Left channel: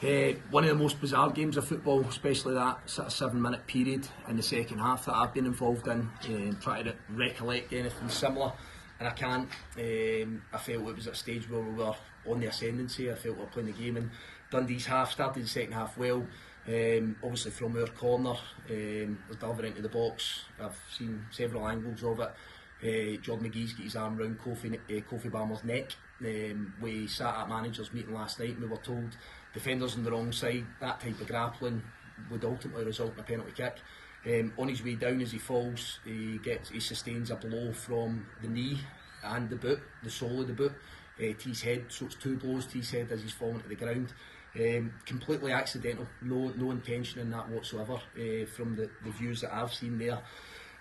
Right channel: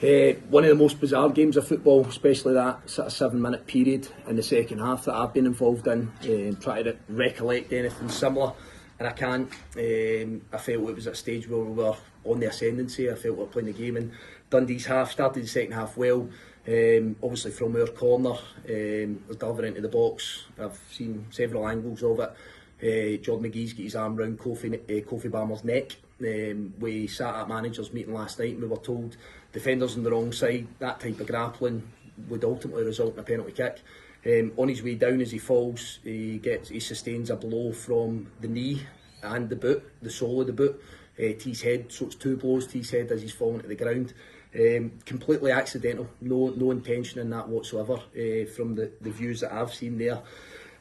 One of the most bizarre games of football, especially that sort of 7-minute period in the second half that I've been involved in, trying to recollect anything similar, and I can't. I felt it was at a stage where we were on the ascendancy. I felt we were playing the game in Dundee's half, started the second half well, obviously from our corner, was delivering into the box. I've seen several angles of it. Jordan McGee's got his arm round Kofi Balmer's neck. We sat at managers meeting last night and we were told defenders on the wrong side, that type of grappling would ultimately result in a penalty kick. On his way down as he falls, he sustains a blow from the knee and the boot, the sole of the boot, to his head. So it's 2 blows to his head as he's falling to the ground. Completely accidental, no intention in that whatsoever, from the views that I've seen there.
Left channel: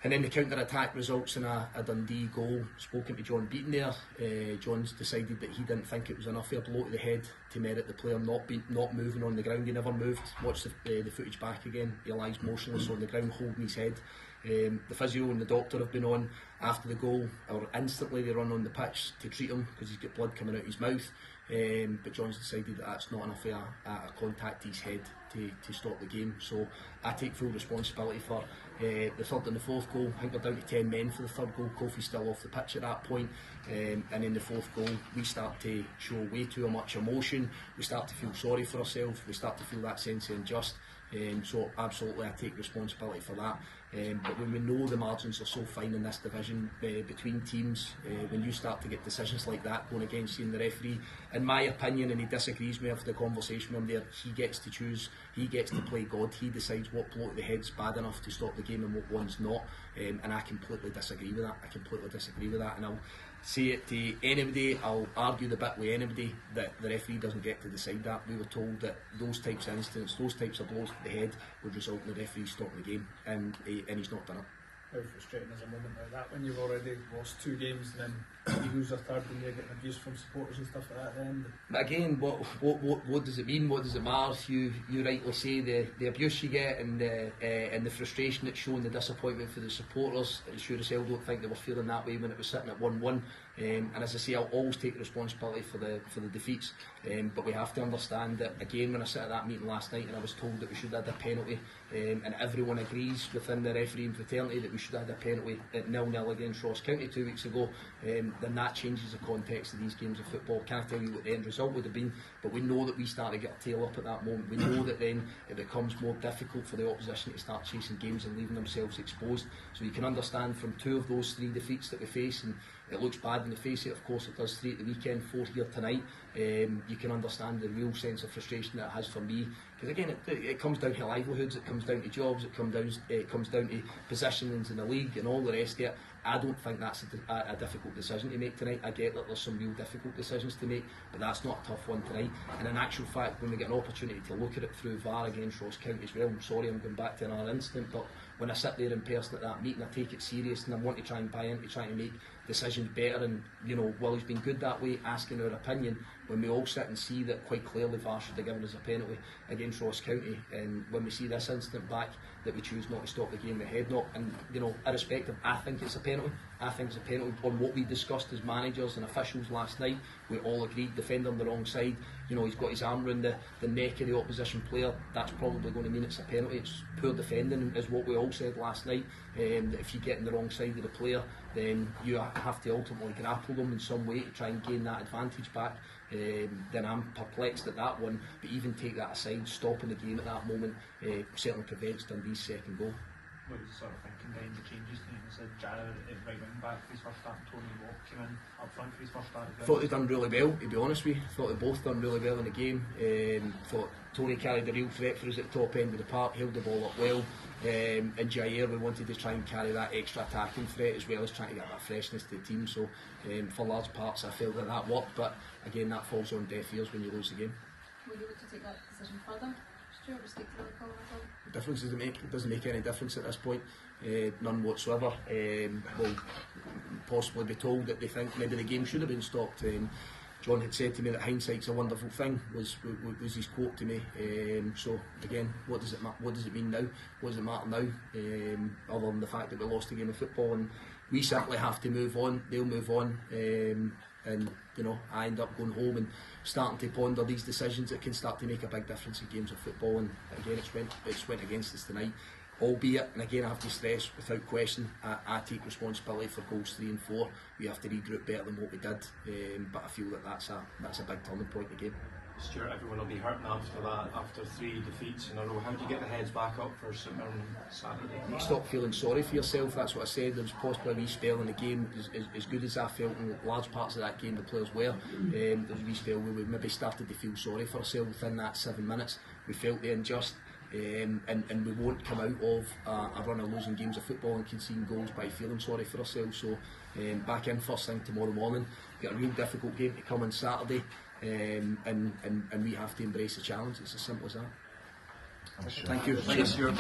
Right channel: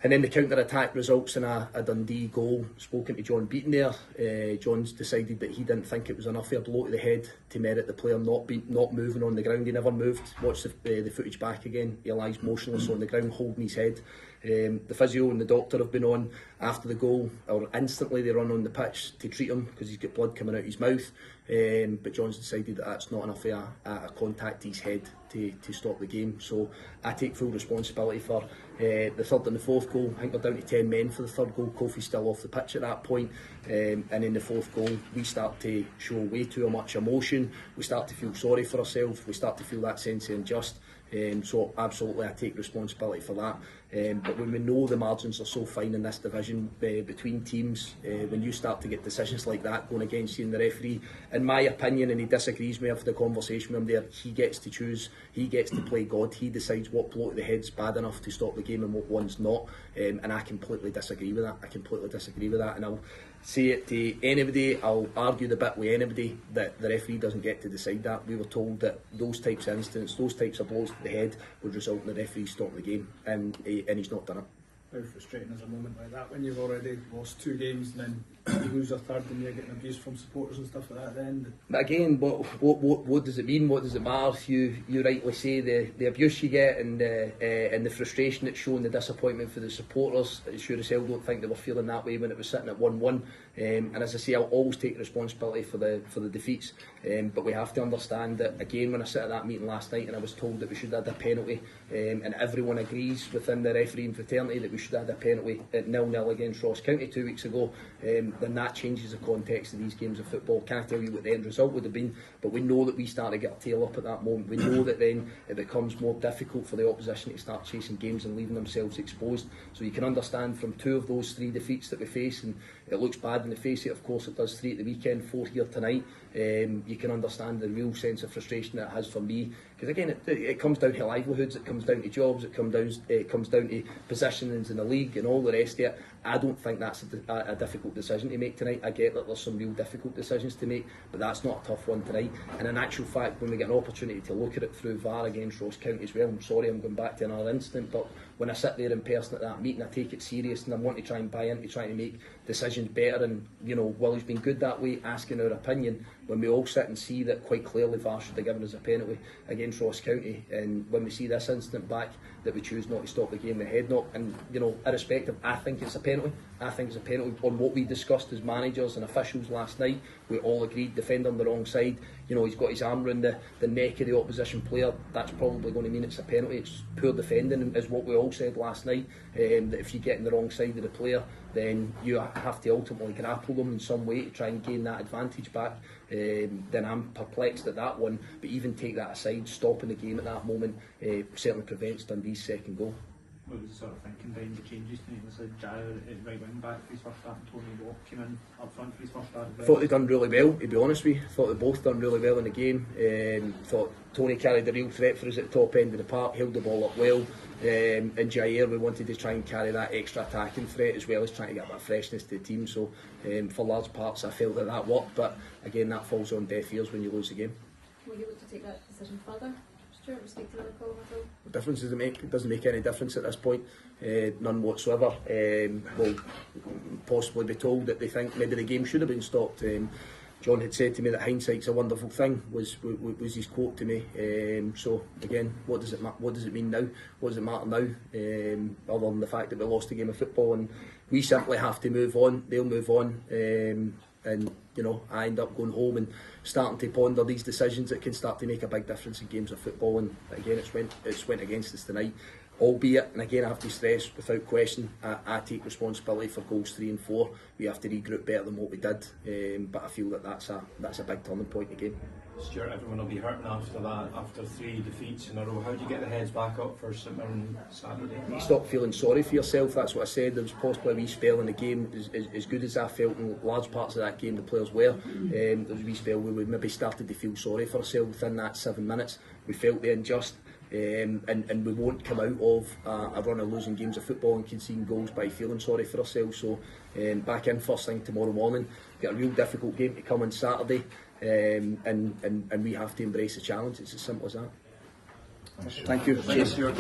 And then the counter-attack results in a Dundee goal. Spoken to John Beaton there. John's decided that he didn't think it was enough of a blow to the head to merit the player not moving on the ground. He never moved. Watch the footage back again. He lies motionless on the ground, holding his head. The physio and the doctor have been on after the goal, or instantly they run on the pitch to treat him because he's got blood coming out his mouth. But John's decided that that's not enough of a contact to his head to stop the game. So I take full responsibility for the third and the fourth goal. I think we're down to 10 men for the third goal. Kofi's still off the pitch at that point. And in the fourth goal, we start to show way too much emotion. We start to feel sorry for ourselves. We start to feel that sense of unjust. So absolutely I take responsibility for that. But when we know the margins are so fine in this division between teams, when you start to get decisions like that going against you and the referee, in my opinion, and he disagrees with me, after the conversation with him there, he gets to choose, he gets to play God, he decides what blow to the head's bad enough to stop the game and what one's not. And I completely disagree with that. And I'll say it to anybody, I'll argue the bit with anybody, that the referee doesn't get to decide that. We were told that those types of incidents, those types of blows to the head would result in the referee stopping the game, and he's not done it. How frustrating is a moment like that when you've already lost 2 games and then you lose your third and you're getting abuse from supporters and stuff like that then? But again, what does it mean? What does it matter? You rightly say the abuse you get and the frustration that's shown, the disappointment for the supporters. I sure as hell don't think they were feeling that way when it was sitting at 1-1. And as I say, I'll always take responsibility for the defeats. But we have to understand that, again, when I sat at that meeting last night and I was told that we should have had a penalty, and everyone agrees within the refereeing fraternity that we should have had a penalty at 0-0 against Ross County 2 weeks ago, then that changes the context of these games of football. Can't tell you what the end result would have been, but we know that we start to get our tail up at that moment. We know that then it becomes more difficult for the opposition to start chasing games and leaving themselves exposed. So you can understand from 2 of those 3 defeats that we face, and it looks bad in the face of it, of course it does, 3 at the weekend, 4 here tonight. You can understand the real sense of frustration that it has for me, because again it comes down to livelihoods, it comes down to jobs, it comes down to positionings in the league and all the rest of it. I don't think that's a difficult decision to make tonight. I get that there's some real difficult decisions to make, but that's not a tough one tonight. And in actual fact, when we get an opportunity to look at it through VAR against Ross County as well, I'm sorry I'm going back to another incident, but when I sit there in person at that meeting, I take it serious and I want to try and buy into trying to make decisions better. And while he's been good that way, asking our opinion, when we all sit and see that quite clearly VAR should have given us a penalty against Ross County, and when we see this incident back that we choose not to stop the game, the head knock, and irrespective, I think it's a penalty. I think it's a penalty on what we discussed as managers and officials last night. We all agreed, defender on the wrong side, he's got his arm around the neck of the opposition player. That's probably going to mean it's a penalty. It's poor defending, is what we all said last night, that if you get in the wrong side of the player, then you have to ultimately grapple them in some way to try and gain that advantage back. Then I'm perplexed at that one, but even take that aside, stopping the game at that moment certainly prevents Dundee's second goal. What was sort of thinking behind the changes tonight? They said Jarrah at right wing back for his first start and Tony Watt came in up front for his first start. I thought they'd done really well, to be honest with you. I thought they both done really well in the game. Thought Tony carried a real threat for us at the top end of the park, held the ball up well. And Jair, we wanted to try and carry that extra attacking threat as well as trying to get that freshness to the team. So for large parts I felt that worked, but again that falls on deaf ears when you lose the game. Will you look to take that decision further? Stuart, mistake to call at all? The difference does it doesn't make any difference at this point, none whatsoever. We'll possibly be told that they think maybe the game should have been stopped. John had said to me that hindsight's a wonderful thing, was his quote to me. So again, what does it mean now? What does it matter now? Other than the fact that we lost a game of football, and we simply have to move on. They'll move on, and you know, I end up going home and starting to ponder these decisions that can start to make a big difference in games of football. And again, it's went against us tonight. Albeit, and again I have to stress, without question, I take responsibility for goals 3 and 4. We have to regroup better than what we did, but I feel that that's a big turning point in the game. Stuart, everyone will be hurting after that, after 3 defeats in a row. How do you get the heads back up for St Mirren Saturday? You stop feeling sorry for yourself. That's what I said. There was possibly a wee spell in the game, as good as I felt in large parts of that game the players were. There was a wee spell where we maybe started to feel sorry for ourselves within that 7 minutes. We felt the unjust. And we won't come out of a run of losing games of football and conceding goals by feeling sorry for ourselves. So back in first thing tomorrow morning, got a real difficult game to come on Saturday, and we have to embrace the challenge. It's as simple as that. Thank you. Thank you, Stuart.